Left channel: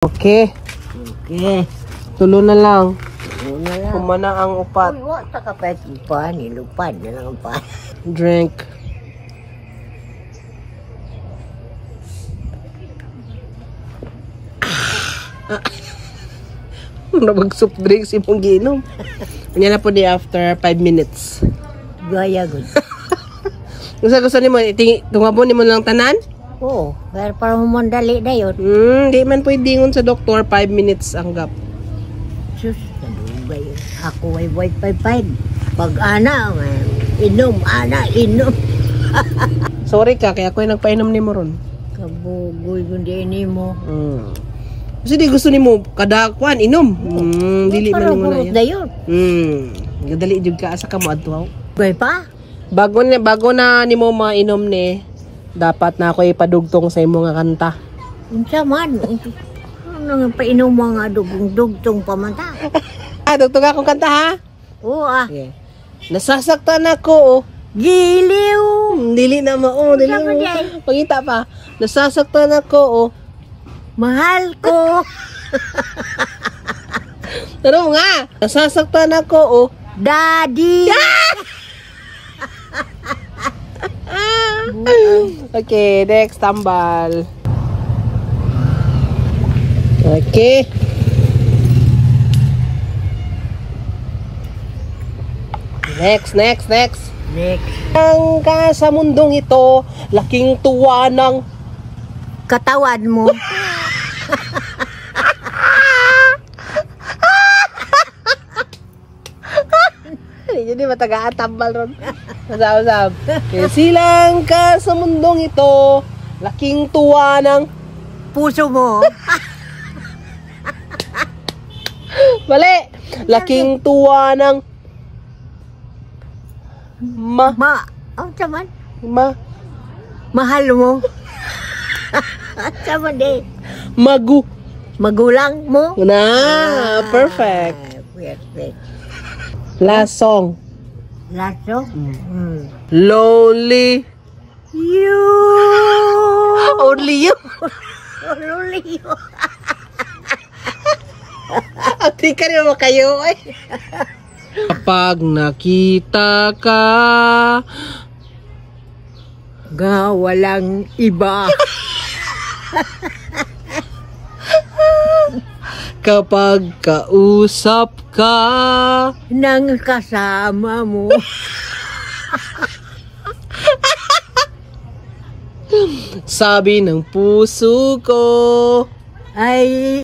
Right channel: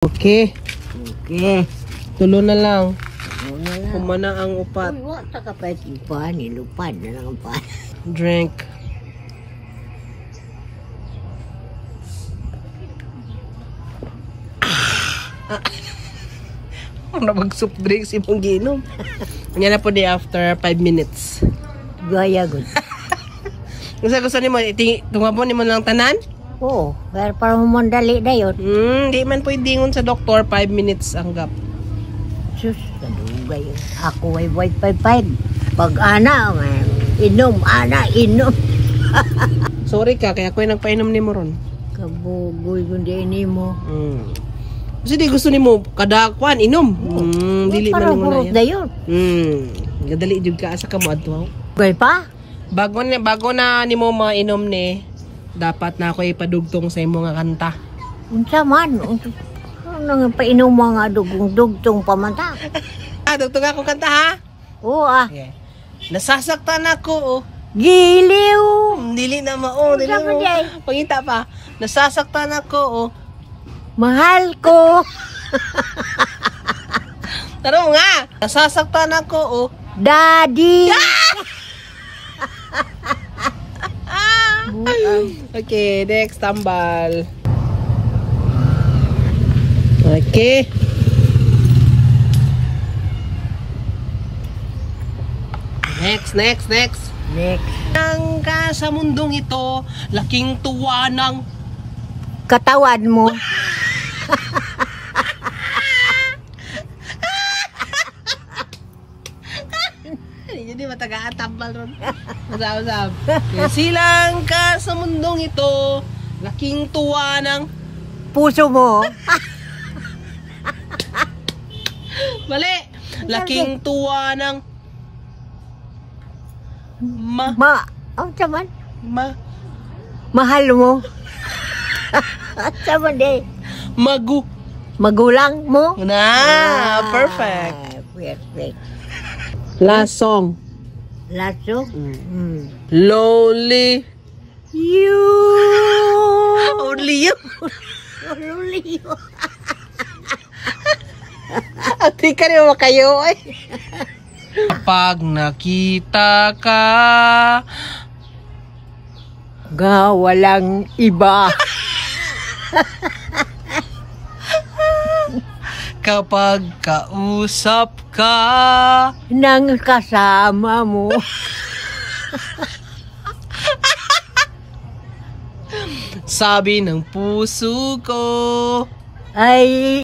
Okay. Okay. Tulo na lang. Ano na lang. Kumanang ang upat. Huwag sa kapit pa, nilupad na lang pa. Drink. Nabag soft drinks imong giinom. Kanya na po di after 5 minutes. Gaya good. Gusto nimo tungabon nimo lang tanan? Oo, pero para mamandali na yun. Di man pwede ngon sa doktor 5 minutes ang gap. Sus, naduga yun. Ako ay white 5-5. Pag ana, inom. Sorry ka, kaya ako yung nagpainom nimo ron. Kabugoy kundi ini mo. Kasi di gusto nimo kada kwan inom. Dili man mo na na yun. Gadali jud ka asa ka mo adto. Gay pa? Bago na nimo mainom ni, dapat na ako ipadugtong sa imo nga kanta. Unsa man? Ano nga painom mga dugtong pamanta? Dugtong akong kanta ha? Oo ah. Okay. Nasasaktan ako Giliw! Dili na mo dili Unsa man mo. day? Pangita pa. Nasasaktan ako Mahal ko! Taro nga. Nasasaktan ako Daddy! Okay, next tambal. Okay. Next. Next. Ang ka sa mundong ito, laking tuwa ng Katawan mo. Jadi matagaan tambal ron. Masab. Silang ka sa mundong ito, laking tuwa ng Puso mo. mali. Laking tuwa ng Unsa man? Mahal mo. Unsa man day? Magulang mo. Perfect. Perfect. Last song. Lasso? Lonely. You. Only you. Only you. Ati ka naman kayo. Kapag nakita ka, Walang iba. kapag kausap ka, Nang kasama mo. sabi ng puso ko, Ay